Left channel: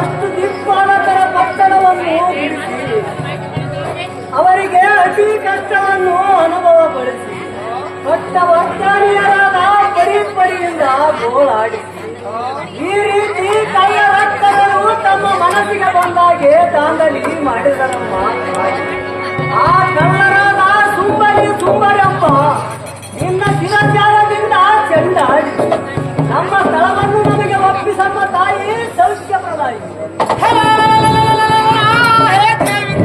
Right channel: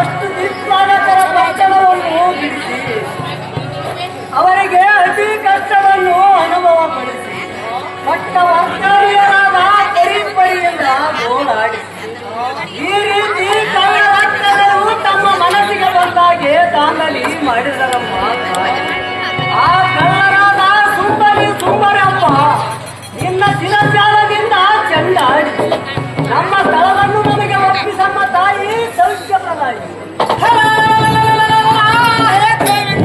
ಅಷ್ಟು ದಿಕ್ಪಾಲಕರ ಪಟ್ಟಣವನ್ನು ಬಿಡಿಸಿ ಅವರಿಗೆ ಅತಿ ಕಷ್ಟವನ್ನು ಅನುಭವಪಡಿಸಿ ಪಟ್ಟ ವರ್ಗಾರಿಯರಾದ ಪರಿಪರಿಯಿಂದ ಗೋಳಾಡಿ ಈ ರೀತಿ ಕಳ್ಳ ರಕ್ತಗಳು ತಮ್ಮ ಮನಸ್ಸಿಗೆ ಬಂದಾಗೆ ದಾಂಧಲಿ ಮಾಡಿದರಮ್ಮ. ಆ ಕಳ್ಳರಾದ ಸುಂಬರಪ್ಪ ನಿನ್ನ ಶಿರಜಾಲದಿಂದ ಚೆಂಡಾಡಿ ನಮ್ಮ ಸ್ಥಳವನ್ನು ನಮಗೆ ಒಪ್ಪಿಸಮ್ಮ ತಾಯಿ.